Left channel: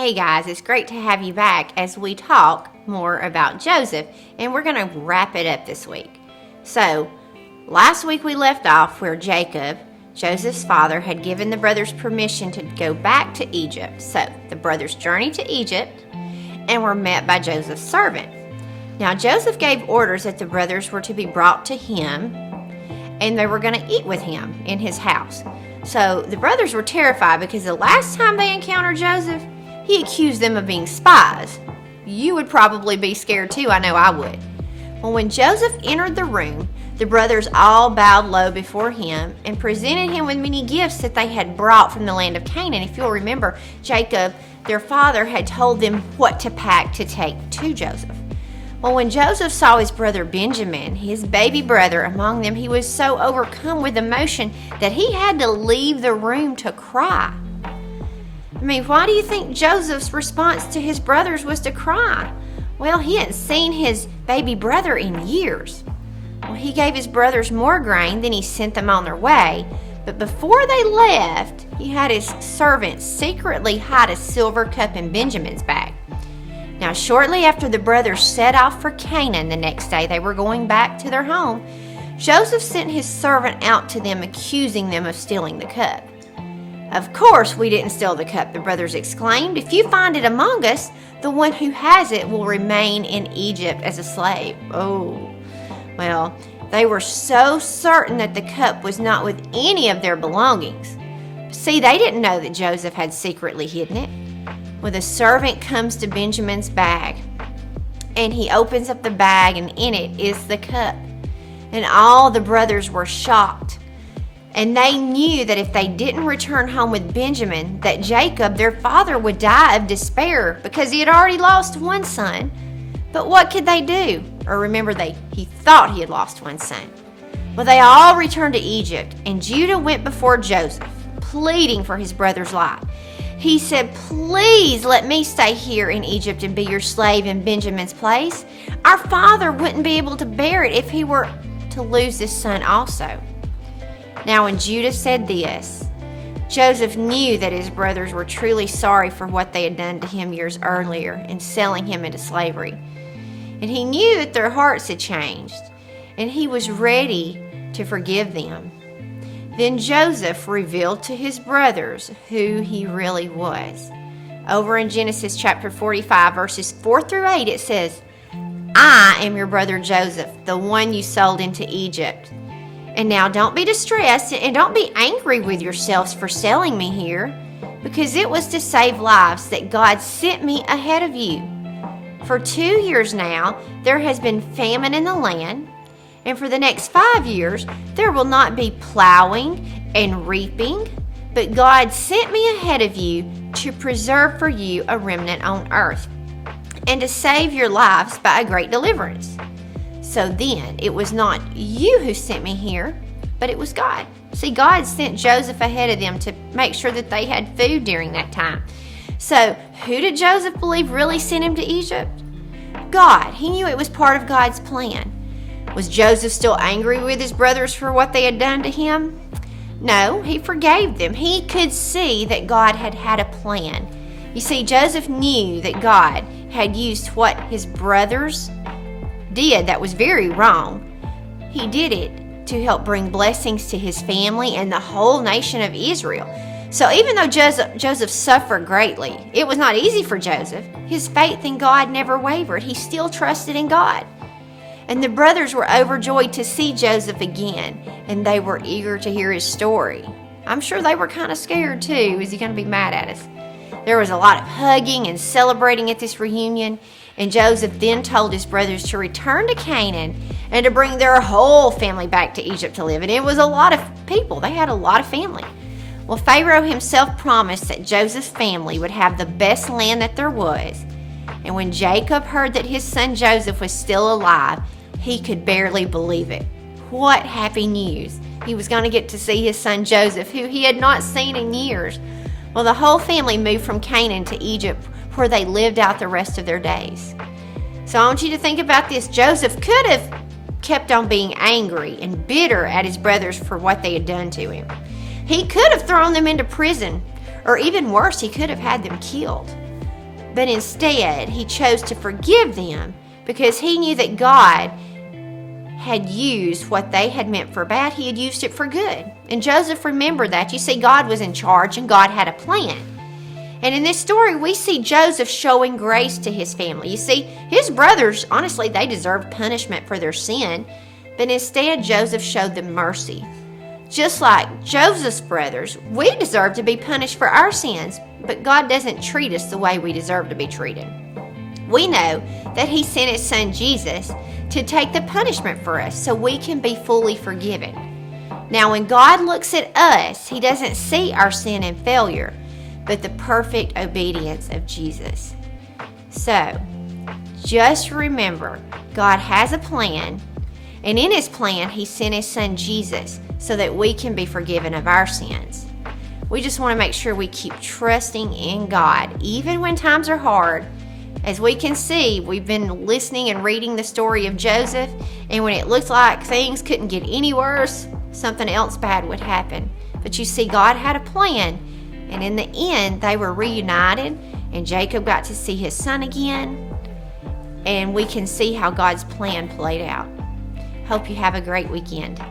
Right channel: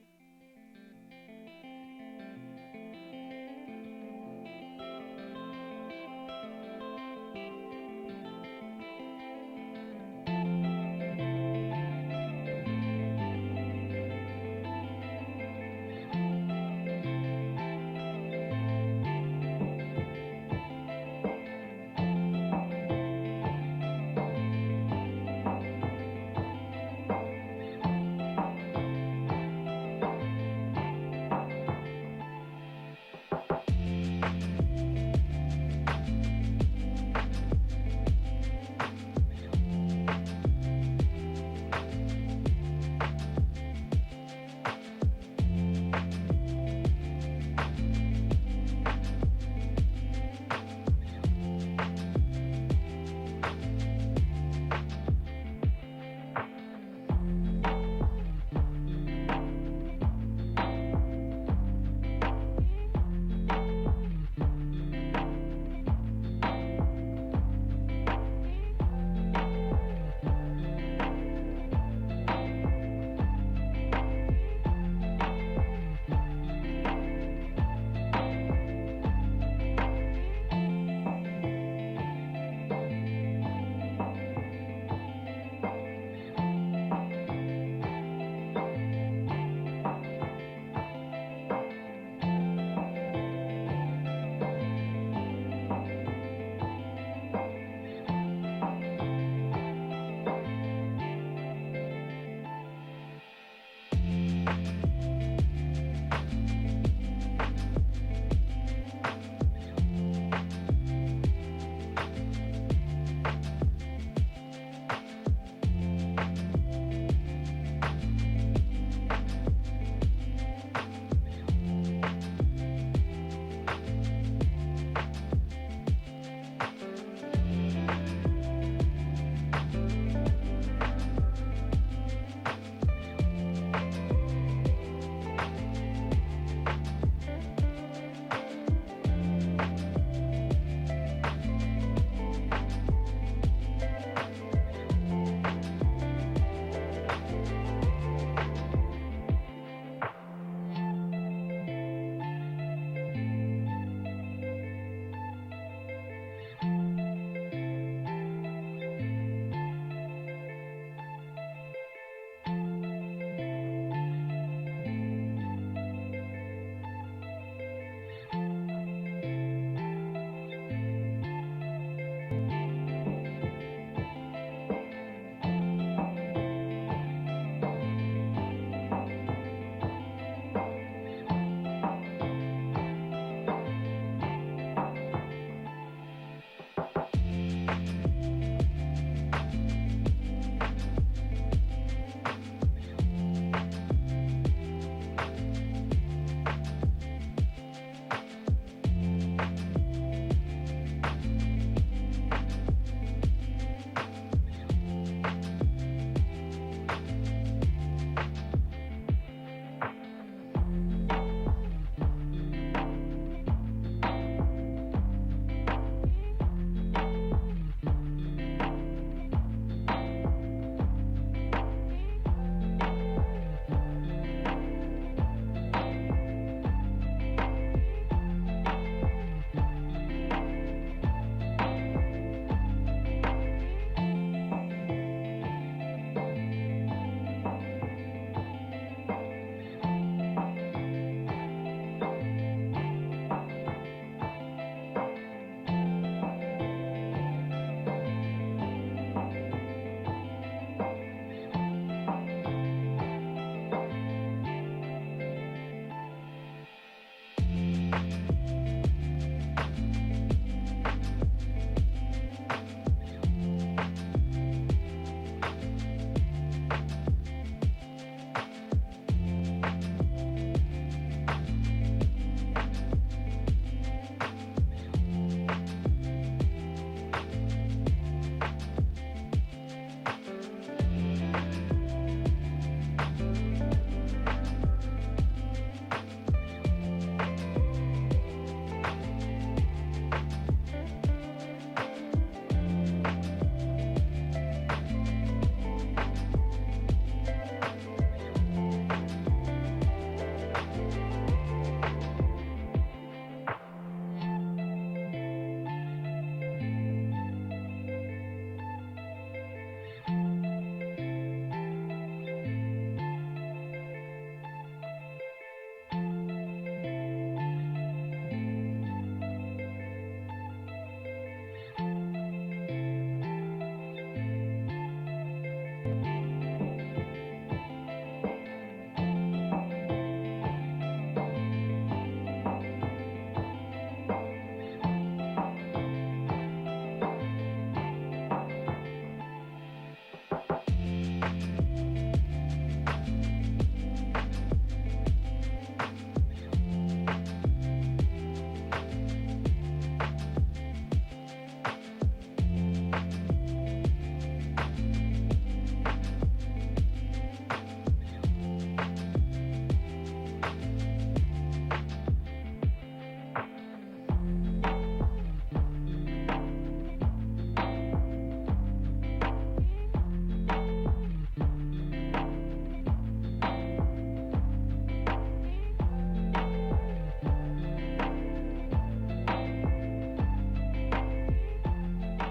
Hey guys, it's great to have you back as we talk more about Joseph, and we're going to wrap it up this week. So, last week we left off where Jacob, Joseph's father, had given the brothers permission to go back to Egypt. So, the brothers journeyed to Egypt and were met by Joseph's servant. Now, Joseph gave orders that the brothers were to be brought to him and they were going to eat with him in his house. So, the brothers were terrified because the last time they encountered Joseph, he accused them of being spies. You would probably be scared too, I know I would. Well, when Joseph entered the room, the brothers all bowed low before him and presented him with many gifts that they had brought from the land of Canaan. If you'll remember, Jacob, their father, had told them what to pack to take to Joseph. Well, when Joseph saw his brother Benjamin, his baby brother, among them, he was so overcome with emotion that he had to leave the room to cry. I mean, why do you think Joseph's response to his brothers was to cry? Well, he hadn't seen his baby brother in years. Well, he gave his brothers more grain, then he sent them on their way. But before they left, he had his servant secretly hide a silver cup in Benjamin's bag. Now, shortly after the brothers set off for Canaan the next day, they were going back to their home. Joseph sent his servant out to them, accusing them of stealing the cup. "Of course we didn't steal the cup," the brothers exclaimed. "If you find it among us, the one who has it will remain in Egypt as a slave." Oh, well, they were so certain that the cup was not with any of their belongings. See, they didn't know that Joseph had secretly hidden it. Well, the servant comes to Benjamin's bag, and he opens up the bag, and in it is the cup. And all the brothers were shocked. And they knew that if they didn't return home with Benjamin, that Jacob, their father, would die of despair because he had already lost one son. But what could they do? Or remember, he thought he had lost one son. Well, they all returned to Egypt, and Judah went before Joseph, pleading for his brother's life. He said, "Please let me stay here in Egypt and be your slave in Benjamin's place. Our father wouldn't be able to bear it if he were to lose his son also." Now, when Judah said this, Joseph knew that his brothers were truly sorry for what they had done to him years earlier in selling him into slavery. And he knew that their hearts had changed, and he was ready to forgive them. Then Joseph revealed to his brothers who he really was. Over in Genesis chapter 45, verses 4 through 8, it says, "I am your brother Joseph, the one you sold into Egypt. And now don't be distressed and don't be angry with yourselves for selling me here, because it was to save lives that God sent me ahead of you. For 2 years now, there has been famine in the land, and for the next 5 years, there will not be plowing and reaping, but God sent me ahead of you to preserve for you a remnant on earth, and to save your lives by a great deliverance. So then, it was not you who sent me here, but it was God." See, God sent Joseph ahead of them to make sure that they had food during that time. So, who did Joseph believe really sent him to Egypt? God. He knew it was part of God's plan. Was Joseph still angry with his brothers for what they had done to him? No, he forgave them. He could see that God had had a plan. You see, Joseph knew that God had used what his brothers did that was very wrong. He did it to help bring blessings to his family and the whole nation of Israel. So even though Joseph suffered greatly, it was not easy for Joseph. His faith in God never wavered. He still trusted in God. And the brothers were overjoyed to see Joseph again, and they were eager to hear his story. I'm sure they were kind of scared too. Is he going to be mad at us? There was a lot of hugging and celebrating at this reunion. And Joseph then told his brothers to return to Canaan and to bring their whole family back to Egypt to live. And it was a lot of people. They had a lot of family. Well, Pharaoh himself promised that Joseph's family would have the best land that there was. And when Jacob heard that his son Joseph was still alive, he could barely believe it. What happy news. He was going to get to see his son Joseph, who he had not seen in years. Well, the whole family moved from Canaan to Egypt, where they lived out the rest of their days. So I want you to think about this. Joseph could have kept on being angry and bitter at his brothers for what they had done to him. He could have thrown them into prison, or even worse, he could have had them killed. but instead he chose to forgive them because he knew that God had used what they had meant for bad. He had used it for good. And Joseph remembered that. You see, God was in charge and God had a plan. And in this story, we see Joseph showing grace to his family. You see, his brothers, honestly, they deserved punishment for their sin, but instead Joseph showed them mercy. Just like Joseph's brothers, we deserve to be punished for our sins, but God doesn't treat us the way we deserve to be treated. We know that he sent his son Jesus to take the punishment for us so we can be fully forgiven. Now, when God looks at us, he doesn't see our sin and failure, but the perfect obedience of Jesus. So, just remember, God has a plan, and in his plan, he sent his son Jesus so that we can be forgiven of our sins. We just want to make sure we keep trusting in God, even when times are hard. As we can see, we've been listening and reading the story of Joseph, and when it looked like things couldn't get any worse, something else bad would happen. But you see, God had a plan, and in the end, they were reunited, and Jacob got to see his son again, and we can see how God's plan played out. Hope you have a great weekend.